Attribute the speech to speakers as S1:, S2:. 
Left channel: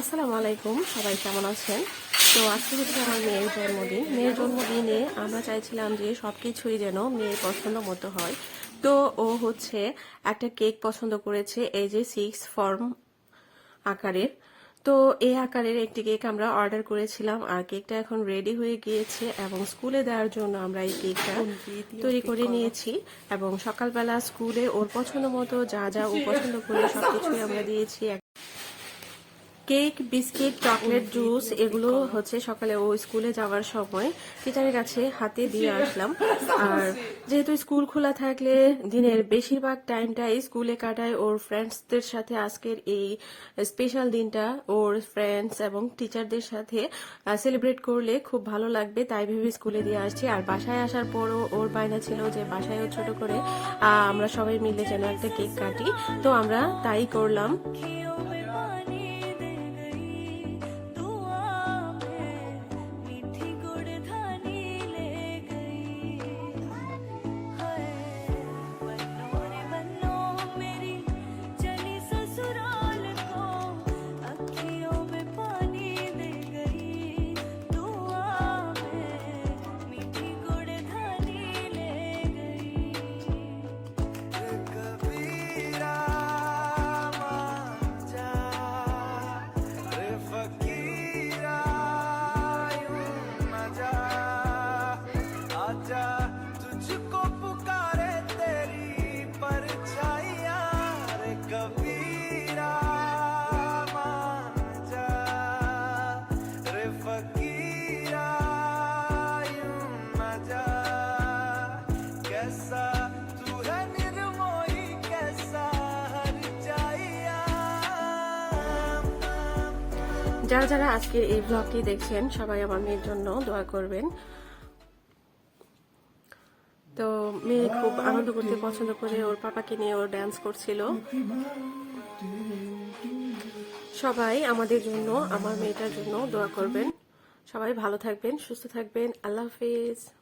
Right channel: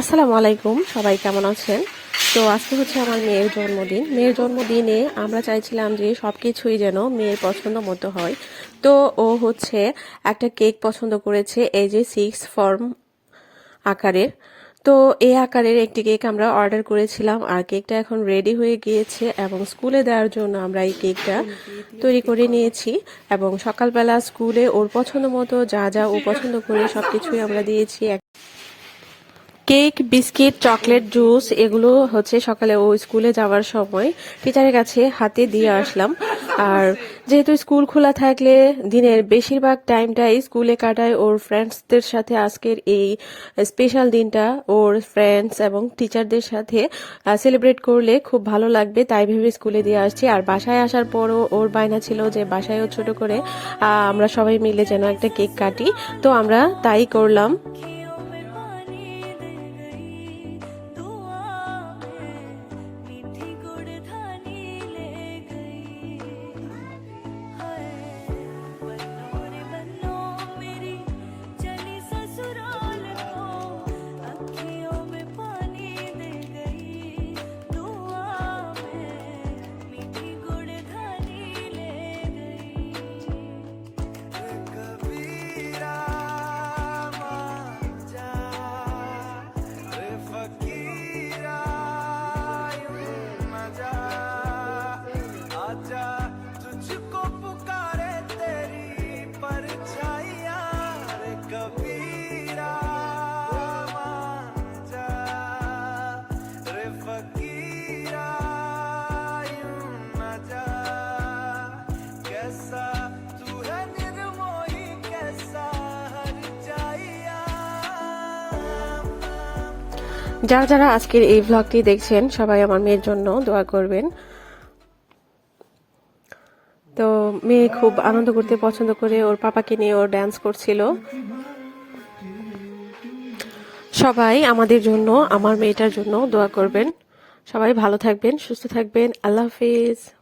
S1: আসসালামু আলাইকুম, সবাই কেমন আছেন? তো আজকে হচ্ছে আমার মেয়ের জন্মদিন। মেয়ের জন্মদিনে আমরা চাইছিলাম যে সব কিছুই যেন মেয়ের পছন্দ মতো হয়। তো ও হচ্ছে একটা কেক পছন্দ করেছে, এই যে সিক্স ফর্ম আকারের। তো এই আকারের একটি কেক আমরা অর্ডার করেছিলাম আর কেকটা এখন রেডি হয়ে গিয়েছে এবং স্কুলে দেওয়ার জন্য আমরা এই কেকটা তৈরি করে নিয়েছি এবং সকালবেলা স্কুলে ওর পছন্দ মতো যা যা ও পছন্দ করে সবকিছুই আমরা দিয়েছি। কেক, বিস্কিট, চকলেট, জুস এগুলো হচ্ছে সকালে ও স্কুলে যাওয়ার সময় টিচারের কাছে হাতে দিয়ে আসলাম। আর যেহেতু স্কুল খোলা থাকলে দিনের বেশিরভাগ টাইমটাই স্কুলে কাটায় ওর ফ্রেন্ডসদের সাথে আজকের এই স্পেশাল দিনটা। ওর ফ্রেন্ডস এবং টিচারদের সাথে সেলিব্রেট করলে খুব ভালো লাগবে, তাই ভেবে স্কুলে দিয়ে আসছি। আর বাসায় আসার পরও ওর বায়না ছিল যে বাসায়ও ছোট করে আমরা সবাই মিলে যেন একটা কেক কাটি। তো আমরা তাই করলাম। যারা যারা আজকের এই ভ্লগটি দেখছেন, সবাই আমার মেয়ের জন্য দোয়া করবেন। তো মেয়ে খুব আনন্দ করতে পছন্দ করে, ওর পাপাকে নিয়ে ওর ড্যান্স করছিল। সবাই আমাদের জন্য, আমার মেয়েটার জন্য দোয়া করবেন। সবাই ভালো থাকবেন, সুস্থ থাকবেন। আল্লাহ হাফিজ।